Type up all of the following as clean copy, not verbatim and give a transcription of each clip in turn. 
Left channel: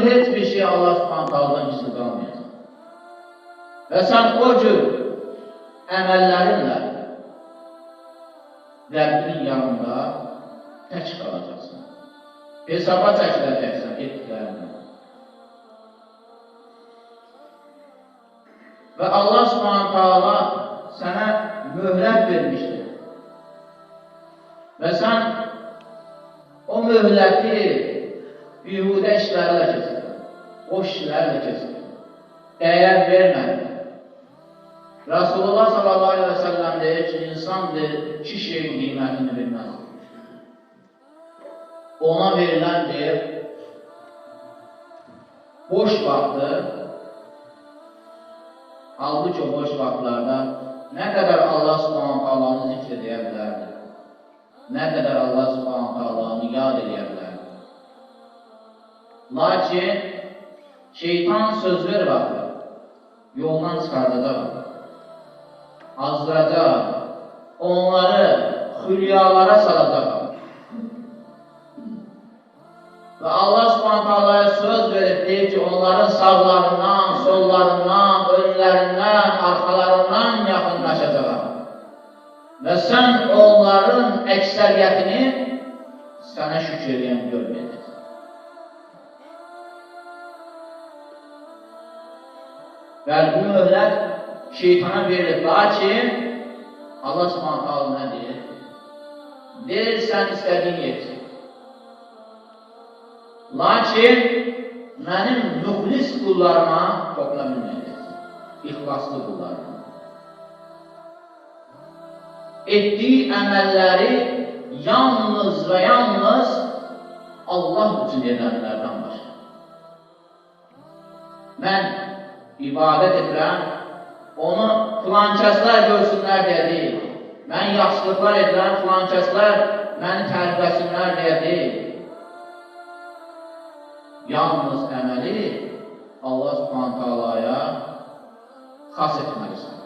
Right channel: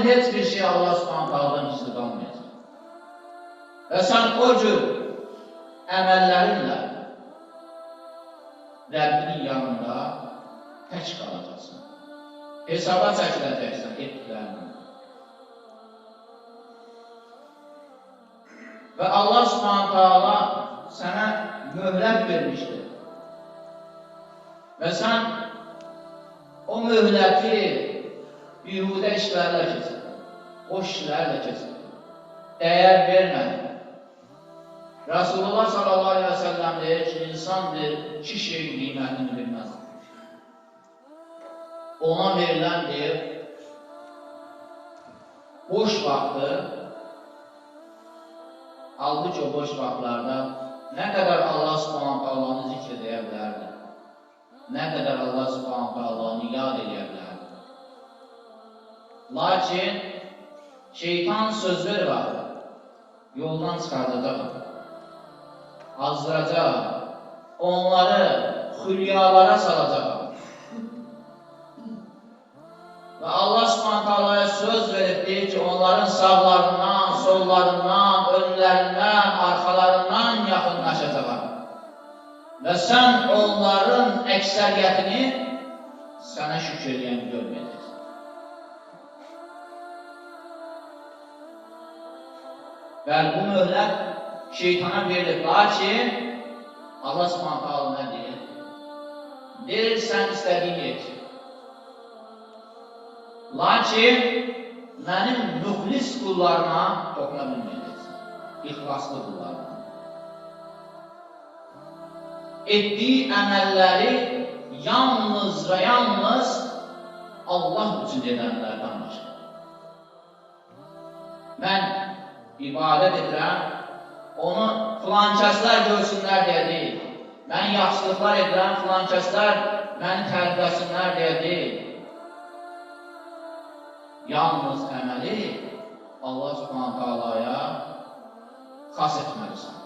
üçün heç bir şey Allah Subhanahu taala'dan gizli qalmayacaq. Və sən o cür əməllərinlə Rəbbinin yanında tək qalacaqsan. Hesaba çəkiləcəksən etdiklərinlə. Və Allah Subhanahu taala sənə möhlət vermişdir. Və sən o möhləti bihudə işlərlə keçirdin, boş işlərlə keçirdin, dəyər vermədin. Rasulullah sallallahu aleyhi ve sellem deyir ki, insan iki şeyin qiymətini bilməz. Ona verilən deyir, boş vaxtı, halbuki o boş vaxtlarda nə qədər Allah Subhanahu taala'nı zikr edə bilərdi, nə qədər Allah Subhanahu taala'nı yad edə bilərdi. Lakin şeytan söz ver vaxtı, yoldan çıxardacaq, azdıracaq, onları xülyalara salacaq. Və Allah Subhanahu taala'ya söz verib deyir ki, onların sağlarından, sollarından, önlərindən, arxalarından yaxınlaşacaq. Və sən onların əksəriyyətini sənə şükür edən görməyəcəksən. Və bu möhlət şeytana verilir. Lakin Allah Subhanahu taala nə deyir? Deyir, sən istədiyin et. Lakin mənim müxlis qullarıma toxuna bilməyəcəksən. İxlaslı qullarıma. Etdiyi əməlləri yalnız və yalnız Allah üçün edənlərdən başqa. Mən ibadət edirəm, onu filankəslər görsünlər deyə deyil. Mən yaxşılıqlar edirəm, filankəslər məni tərifləsinlər deyə deyil. Yalnız əməli Allah Subhanahu taala'ya xas etməlisən.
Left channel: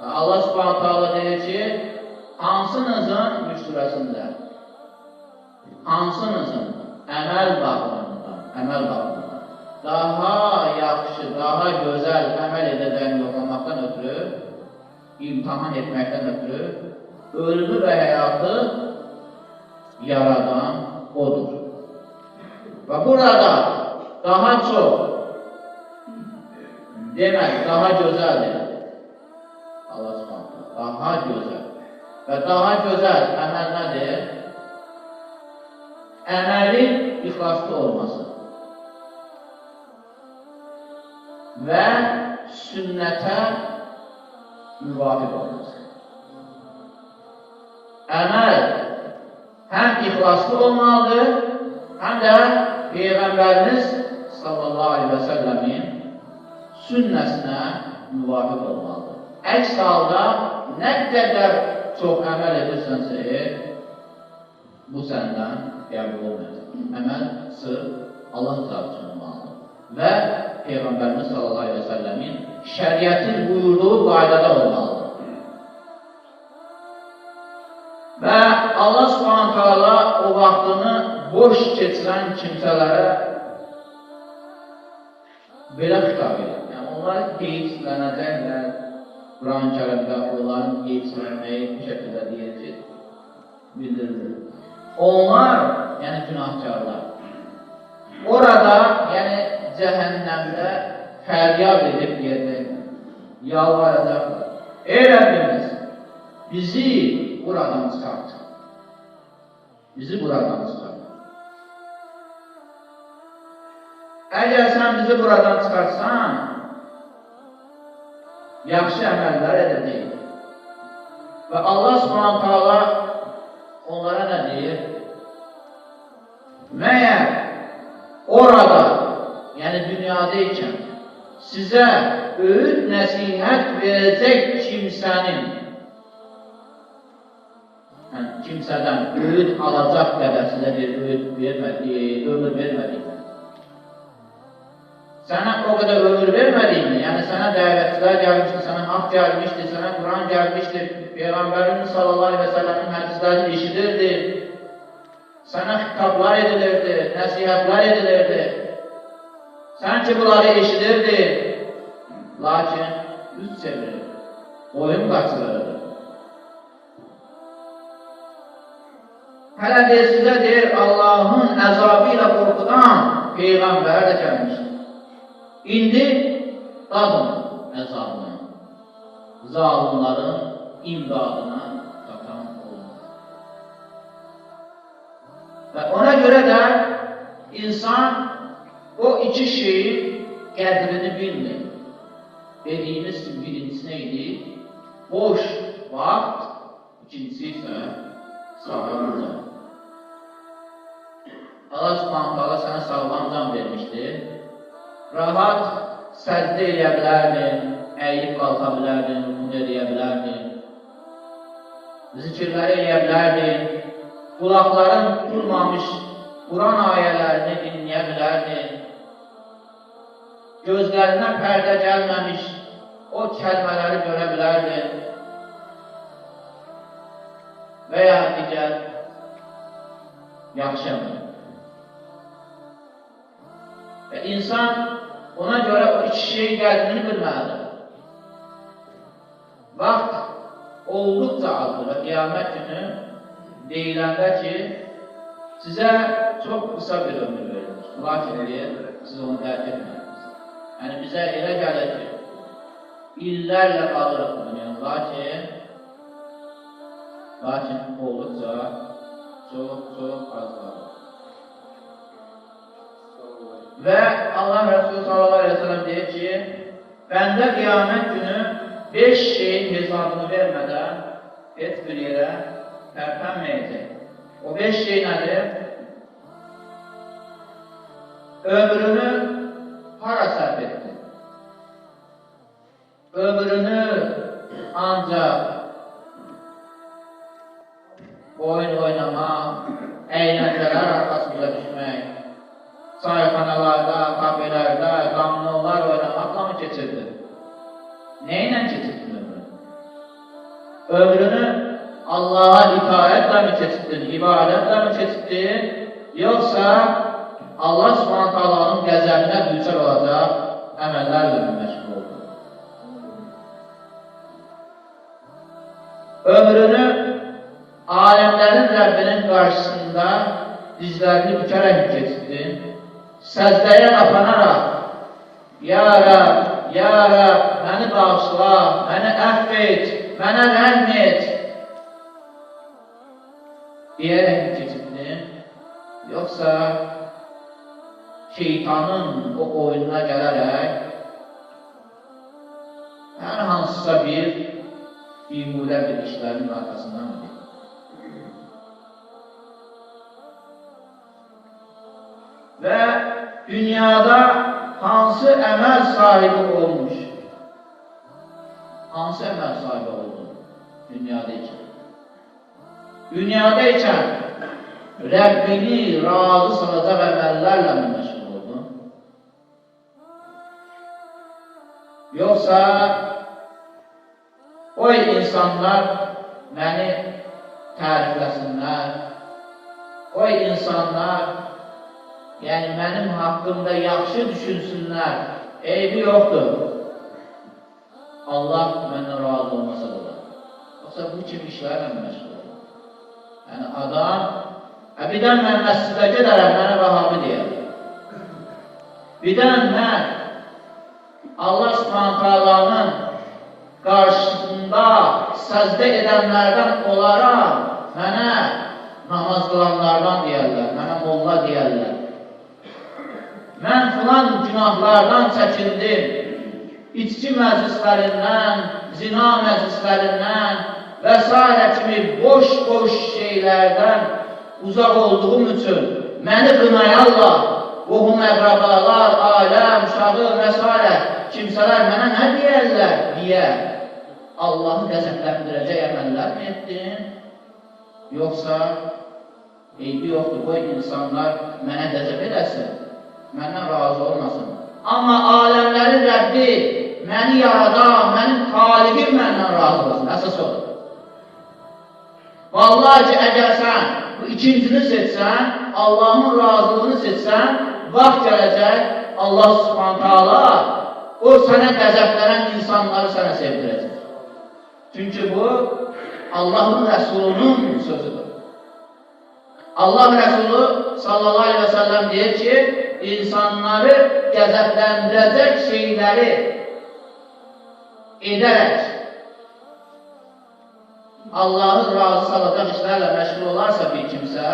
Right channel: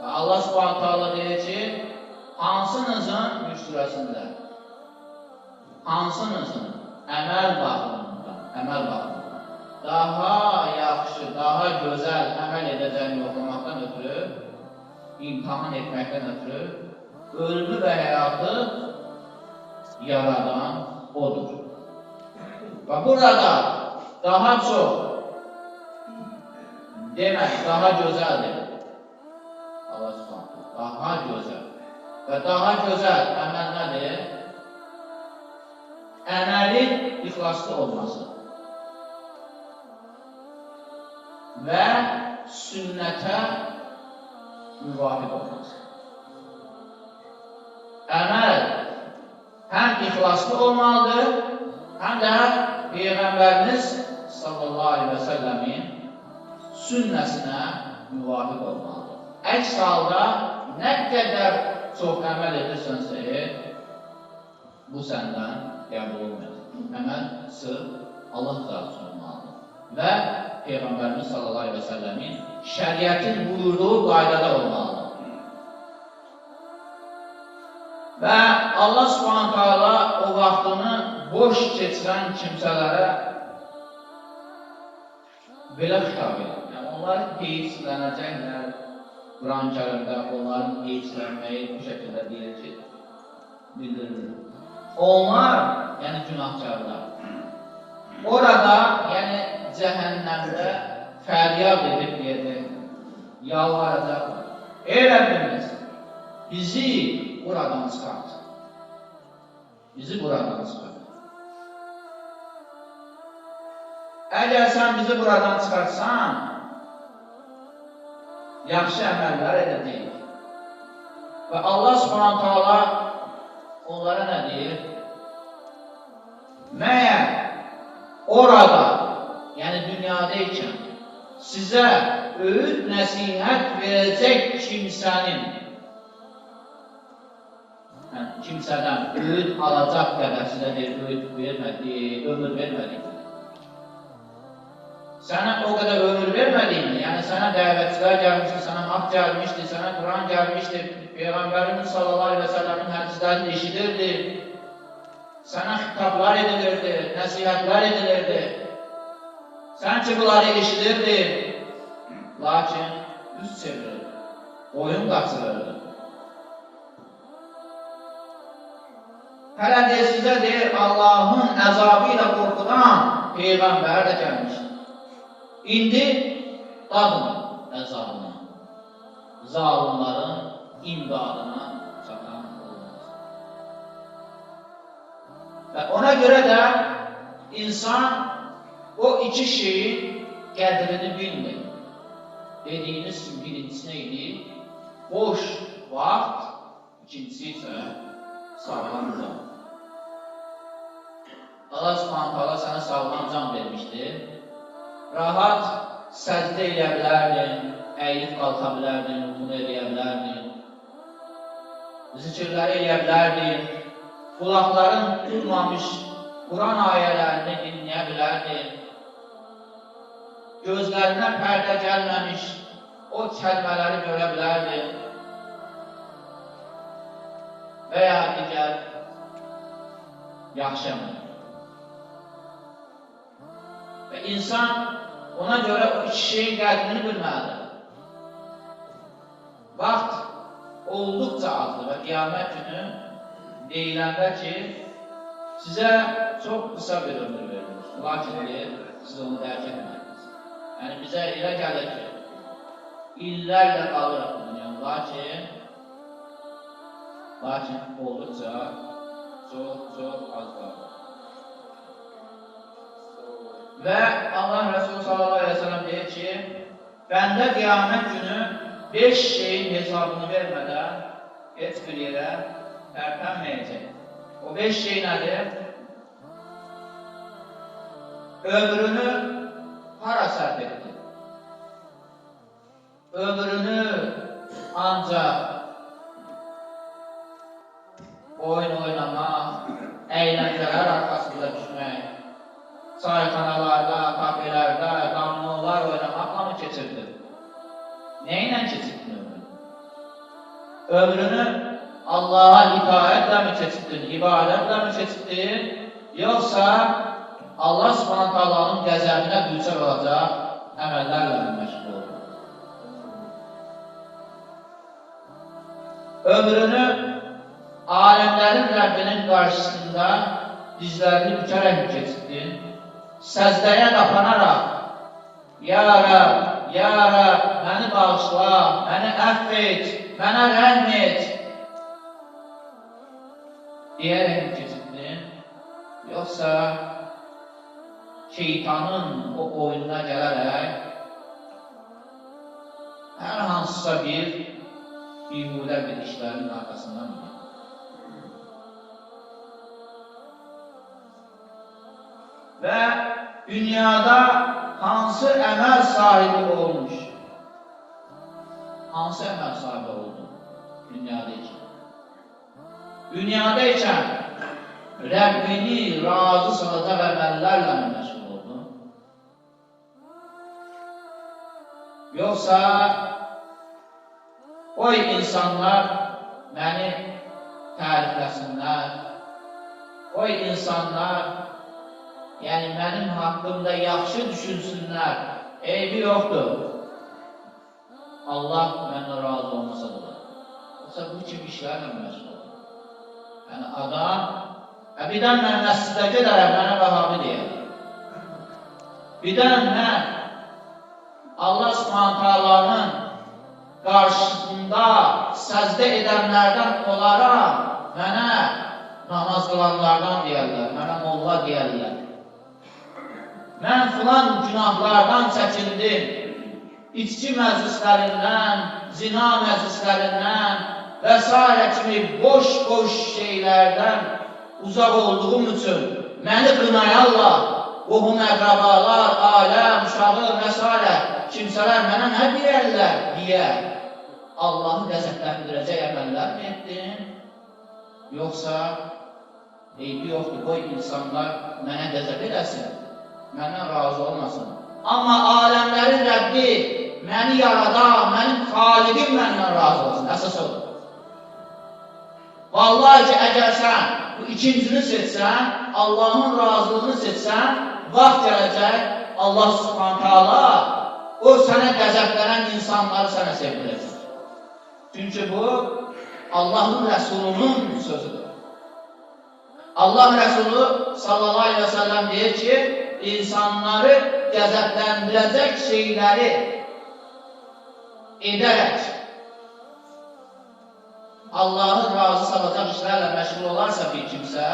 Və Allah Subhanahu taala deyir ki, hansınızın Mülk surəsində, hansınızın əməl baxımından daha yaxşı, daha gözəl əməl edəcəyini yoxlamaqdan ötürü, imtahan etməkdən ötürü, ölümü və həyatı yaradan odur. Və burada daha çox, demək, daha gözəldir. Allah Subhanahu, daha gözəl. Və daha gözəl əməl nədir? Əməlin ixlaslı olması və sünnətə müvafiq olması. Əməl həm ixlaslı olmalıdır, həm də Peyğəmbərimiz sallallahu aleyhi və səlləmin sünnəsinə müvafiq olmalıdır. Əks halda nə qədər çox əməl edirsənsə, bu səndən qəbul olmayacaq. Əməl sırf Allah rızası üçün olmalıdır və Peyğəmbərimiz sallallahu aleyhi və səlləmin şəriətin buyurduğu qaydada olmalıdır. Və Allah Subhanahu taala o vaxtını boş keçirən kimsələrə belə xitab edir. Yəni, onlar qeydslənəcəklər. Quran-ı Kərimdə onların qeydslənməyi bu şəkildə deyir ki, bildirilir. Onlar, yəni günahkarlar, orada, yəni cəhənnəmdə fəryad edib deyəcək, yalvaracaqlar. Ey Rəbbimiz, bizi buradan çıxart. Bizi buradan çıxart. Əgər sən bizi buradan çıxarsan, yaxşı əməllər edəcəyik. Və Allah Subhanahu taala onlara nə deyir? Məyər orada, yəni dünyadaykən sizə öğüt nəsihət verəcək kimsədən öğüt alacaq qədər sizə bir öğüt vermədik, ömür vermədik. Sənə o qədər ömür vermədiyini, yəni sənə dəvətçilər gəlmişdir, sənə haqq gəlmişdir, sənə Quran gəlmişdir, Peyğəmbərimiz sallallahu aleyhi və səlləmin hədislərini eşidirdi. Sana xitablar edilirdi, nəsihətlər edilirdi. Sanki bunları eşidirdi. Lakin üz çevirir, boyun qaçırırdı. Hələ deyir, sizə deyir, Allahın əzabı ilə qorxudan Peyğəmbər də gəlmişdir. İndi dadın əzabını, zalimların imdadına çatan olmaz. Və ona görə də insan o iki şeyin qədrini bilmir. Dediyimiz birincisi neydi? Boş vaxt, ikincisi isə sağlam can. Allah Subhanahu taala sənə sağlam can vermişdir. Rahat səcdə edə bilərdin, əyilib qalxa bilərdin, ruhunu edə bilərdin, zikirləri edə bilərdin, qulaqların durmamış Quran ayələrini dinləyə bilərdin, gözlərindən pərdə gəlməmiş o kəlmələri görə bilərdin və ya digər yaxşı əmrlər. Və insan ona görə o iki şeyin qədrini bilməlidir. Vaxt olduqca azdır və qiyamət günü deyiləndə ki, sizə çox qısa bir ömür verilir. Lakin siz onu dərk etmədiniz. Yəni bizə elə gəlir ki, illərlə qalırıq bu dünya, lakin olduqca çox az qalır. Və Allah Resulü sallallahu aleyhi ve sellem deyir ki, bəndə qiyamət günü 5 şeyin hesabını vermədən heç bir yerə tərpənməyəcək. O 5 şey nədir? Ömrünü hara sərf etdi? Ömrünü ancaq oyun oynamaq, əyləncələr arxasında düşmək, çayxanalarda, kafelərdə, dominolar oynamaqla mı keçirdi? Nə ilə keçirdin ömrünü? Ömrünü Allah'a itaətle mi keçirdin, ibadətlə mi keçirdin, yoxsa Allah Subhanahu taalanın qəzəbinə düçar olacaq əməllərlə mi məşğul oldun? Ömrünü aləmlərin Rəbbinin qarşısında dizlərini bükərək keçirdin, səzdəyə qapanaraq, Ya Rəbb, məni bağışla, məni əfv et, mənə rəhm et deyərək keçirdin, yoxsa şeytanın o oyununa gələrək hər hansısa bir bihudə bir işlərin arxasından mı? Və dünyada hansı əməl sahibi olmuş? Hansı əməl sahibi oldu dünyada ikən? Dünyada ikən Rəbbini razı salacaq əməllərlə mi məşğul oldu? Yoxsa o insanlar məni tərifləsinlər, o insanlar yəni mənim haqqımda yaxşı düşünsünlər, eybi yoxdur. Allah məndən razı olmasa da. Yoxsa bu kimi işlərlə məşğul olur. Yəni adam, birdən mən məscidə gedərəm, mənə Vahabi deyər. Birdən mən Allah Subhanahu taalanın qarşısında səcdə edənlərdən olaram, mənə namaz qılanlardan deyərlər, mənə molla deyərlər. Mən filan günahlardan çəkindim, içki məclislərindən, zina məclislərindən və s. kimi boş şeylərdən uzaq olduğum üçün məni qınayarlar, qohum əqrabalar, aləm, uşağı və s. kimsələr mənə nə deyərlər deyə Allahı qəzəbləndirəcək əməllər mi etdin? Yoxsa eybi yoxdur, qoy insanlar mənə qəzəb edəsin, məndən razı olmasın. Amma aləmlərin Rəbbi məni yaradan, mənim xaliqim məndən razı olsun, əsas odur. Vallahi ki, əgər sən bu ikincini seçsən, Allahın razılığını seçsən, vaxt gələcək, Allah Subhanahu Taala o sənə qəzəblənən insanları sənə sevdirəcək. Çünki bu Allahın Rəsulunun sözüdür. Allah Rəsulu sallallahu aleyhi ve sellem deyir ki, insanları qəzəbləndirəcək şeyləri edərək Allahı razı salacaq işlərlə məşğul olarsa bir kimsə,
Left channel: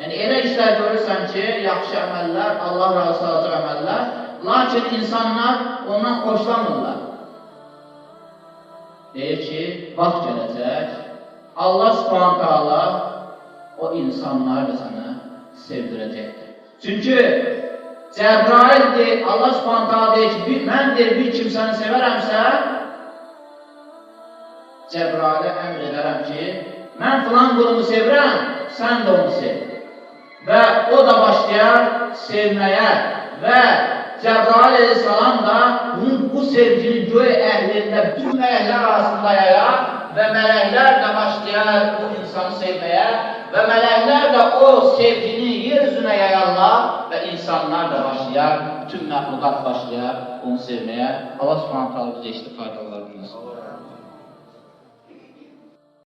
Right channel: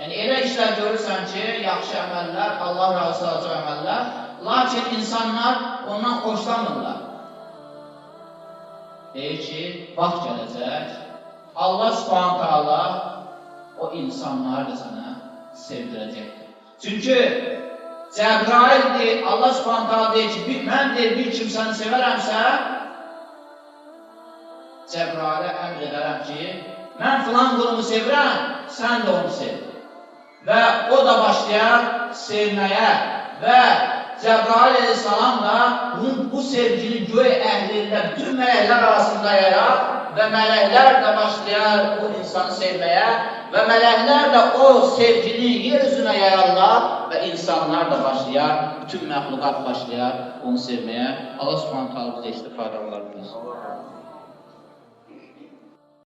yəni elə işlər görürsən ki, yaxşı əməllər, Allah razı salacaq əməllər, lakin insanlar ondan xoşlanmırlar. Deyir ki, vaxt gələcək, Allah Subhanahu Taala o insanları da sənə sevdirəcəkdir. Çünki Cəbrail deyir, Allah Subhanahu Taala deyir ki, mən deyir, bir kimsəni sevərəmsə, Cəbrailə əmr edərəm ki, mən filan qulumu sevirəm, sən də onu sev. Və o da başlayar sevməyə və Cəbrail əleyhissalam da bu sevgini göy əhlində, bütün mələklər arasında yayar və mələklər də başlayar o insanı sevməyə və mələklər də o sevgini yer üzünə yayarlar və insanlar da başlayar, bütün məxluqat başlayar onu sevməyə. Allah Subhanahu Taala bizə işte faydalarını versin.